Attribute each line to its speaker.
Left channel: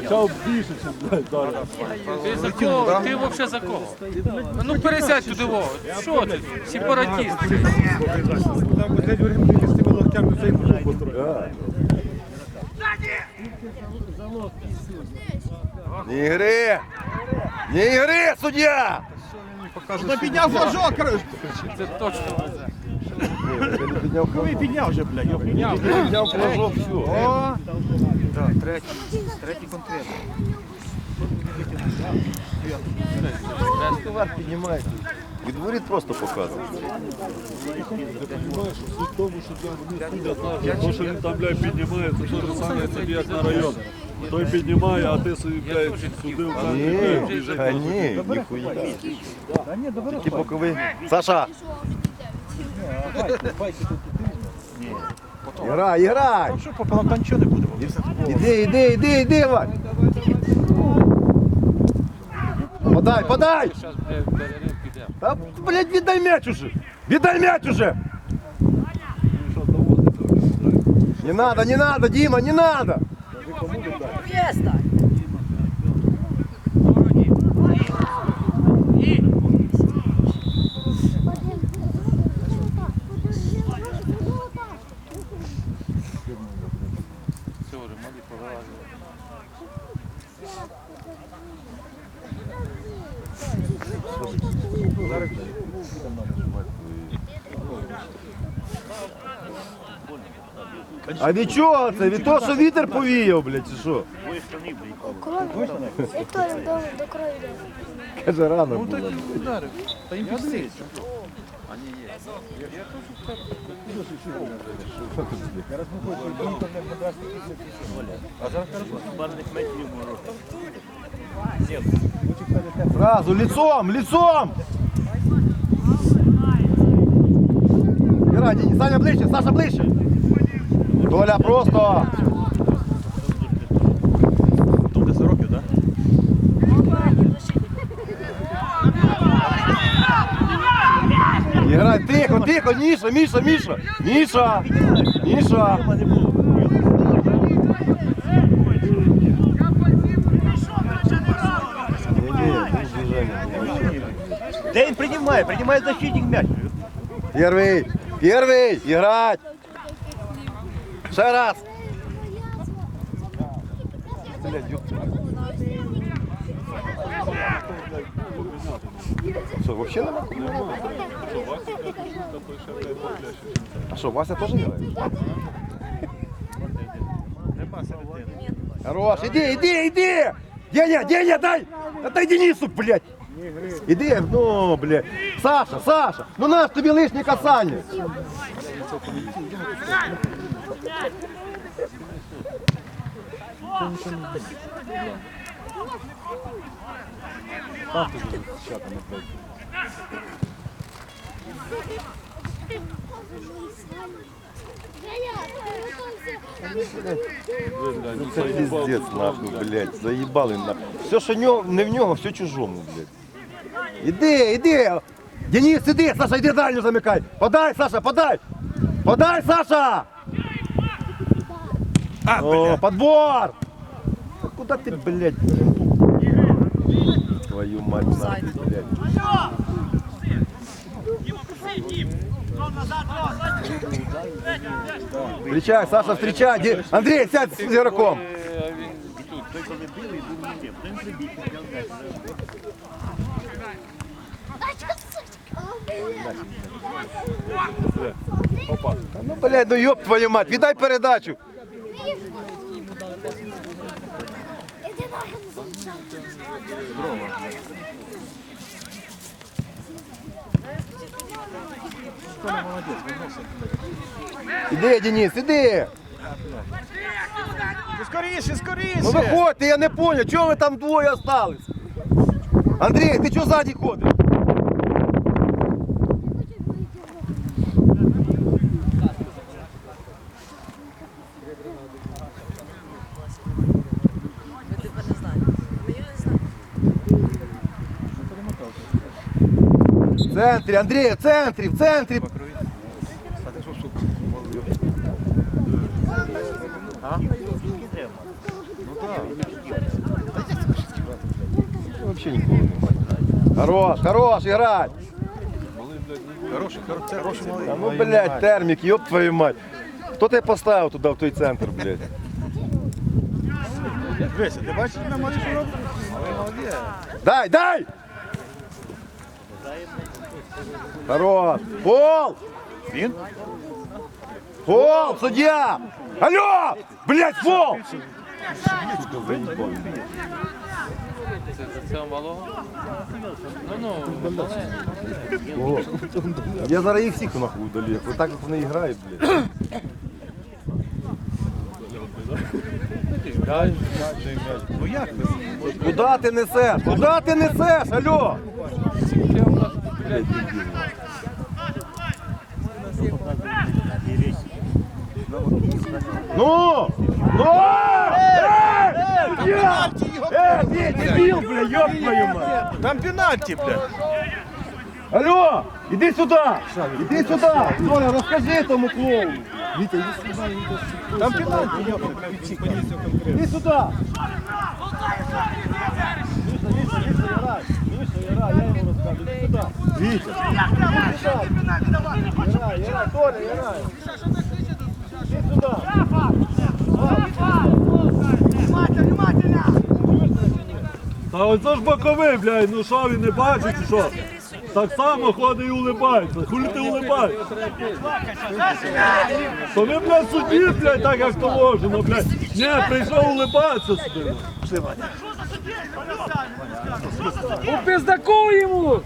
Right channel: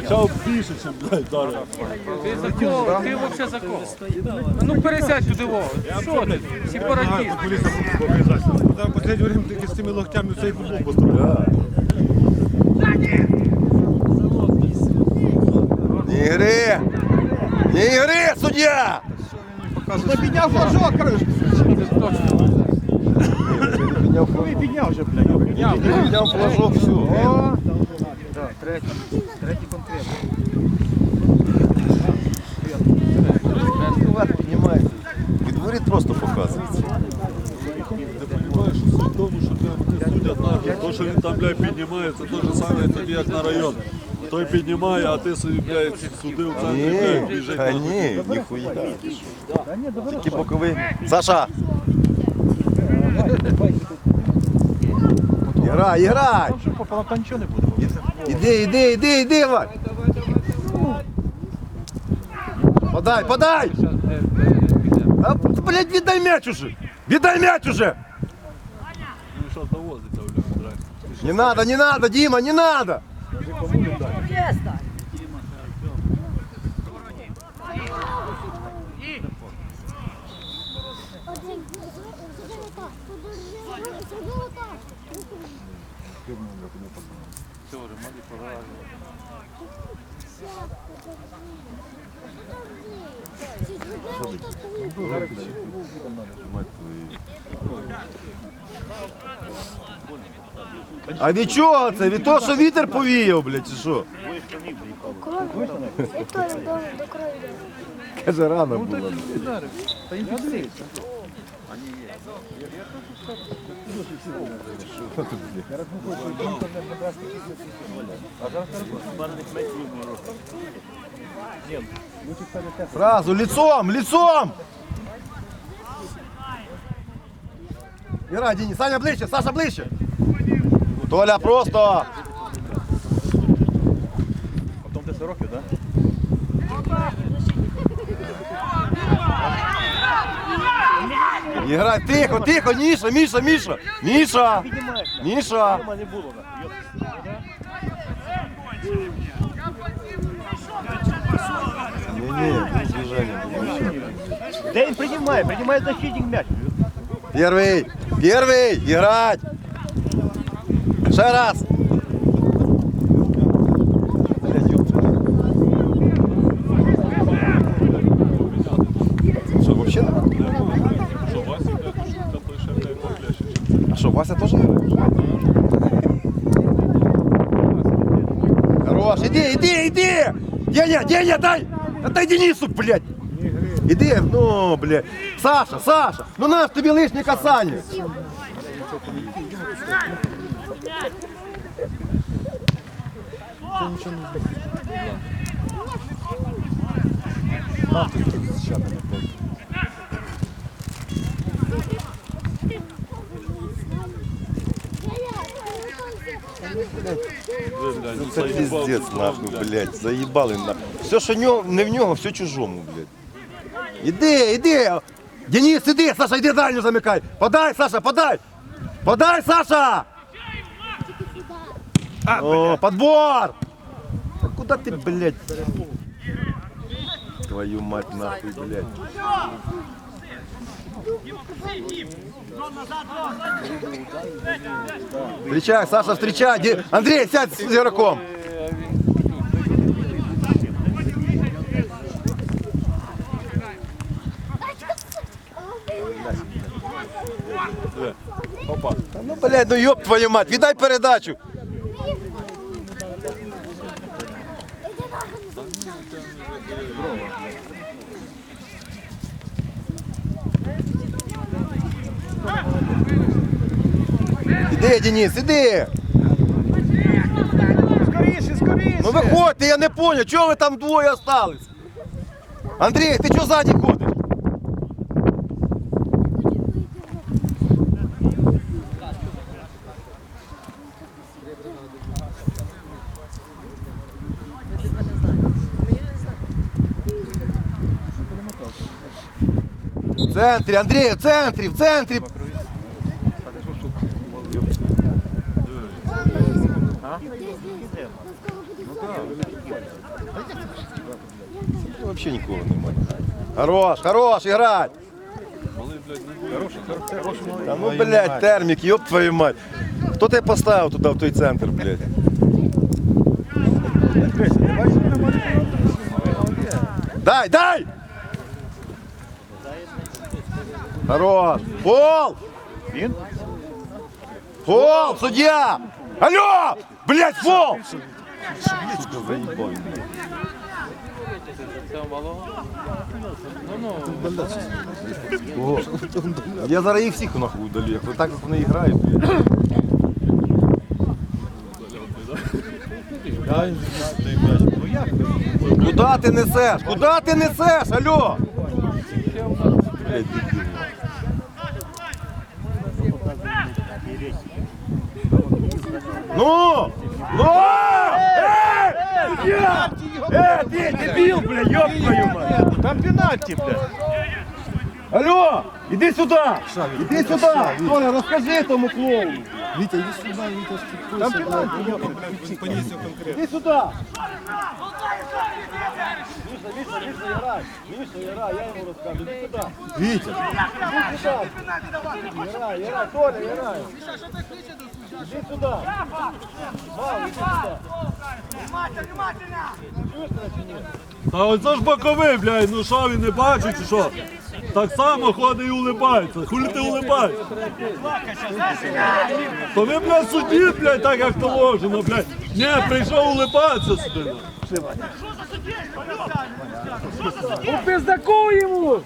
Speaker 1: Більше, ніж блядь, зараз.
Speaker 2: Ти за кого? Ти взагалі за кого? Ну пересядь туди во. Що ти? Сепаратист.
Speaker 1: Там последнє время ти з цими локтями цей футбол построїв.
Speaker 3: Не ігри! Не ігри, суддя!
Speaker 1: Та підняв флажок.
Speaker 2: Це точно.
Speaker 1: Коли підняв вже, блядь, його підняв.
Speaker 3: Підняв флажок, все. Піднімається. Відворіт просто показується.
Speaker 1: Ти розумієш, що суть в тому, що це вони судять знають, то, що він там, блядь, піднімає, це те ж саме, тобі як на район. Той піднімає, а ти собі, блядь, судив там,
Speaker 3: Ні,
Speaker 1: блядь, біжить.
Speaker 3: та ні, ніхуя. Тільки боковий. Саша! Іграй, іграй! Іди, іди, іди, іди, Вань! Подай, подай! А, блядь, віддай м'яч уже! Віддай м'яч уже! Не надо, не надо, Дима, не надо! А від чого це? Від того, що вітер повіяв, блядь, чи що?
Speaker 4: Крові. І то до, до крові.
Speaker 3: Каже, рано було. Сразу, лицом, лицом! Герай, Денис, Саня ближче, Саша ближче. Толя, просто. Играй, тихо, тихо, Миша, Миша, Миша, Миша, Миша.
Speaker 5: Де він приймає? Приймає защитник м'яч.
Speaker 3: Первый, первый, играть. Ще раз. Что, вообще? А что, Вася тоже играет? Хорош, иди, иди, иди! Деня, Деня, дай! Отдай Денису, блядь! Іди, ну, блядь. Саша, Саша, ну наш тобі лишнє касання. Ну це пиздец, нахуй, блядь, заїбали нахуй. Все, що нього, не в нього, все чужому, блядь. Іди, іди! Денис, іди, Саша, іди дальню замикай! Подай, Саша, подай! Подай, Саша! О, подбор! Да куда ты, блядь? Твою мать нахуй, блядь. Встречай, Саша, встречай! Ди- Андрей, сядь с игроком! Ну, блядь, ну ёб твою мать, віддай передачу. Іди, Денис, іди.
Speaker 5: Скоріше, скоріше!
Speaker 3: Ну виходьте, я не понял, чого ви там двоє остались? Андрій, ти чого ззаді ходиш? центрі, Андрій, в центрі, в центрі.
Speaker 4: Ну,
Speaker 3: Вообще нікого немає. Хорош, хорош, играть! Та ну, блядь, термік, ёб твою мать. Хто тебе поставив туди, в той центр, блядь? Дай, дай! Хорош! Пол!
Speaker 5: Він?
Speaker 3: Фол, судья! Алло! Блять, фол! Ого. Я зараз їх всіх нахуй удалю. Ви так як вони грають. блядь.
Speaker 5: Ну як?
Speaker 3: Куда ти несеш? Куда ти несеш? Алло! Блядь. Ну! Ну! Судья! Эй, ты дебил, бля, ёб твою мать!
Speaker 5: Там пенальті, блядь.
Speaker 3: Алло! Иди сюда! Иди сюда! Толя, расскажи этому клоуну! Витя, иди сюда, Там пенальти, Иди сюда! Миша, Миша, Миша, играй! Миша, играй, я ему расскажу. Иди сюда! Витя! Иди сюда! Играй, играй, Толя, играй! Иди сюда!
Speaker 1: Та оце ж боковий, блядь, ну що він не бачить, чи що? Так само ходить і улибається. Хулі ти улибаєшся? То ви, блядь, судді, блядь, так як положено, блядь. Ні, прийшов улибатися сюди.
Speaker 2: У пиздаку йому!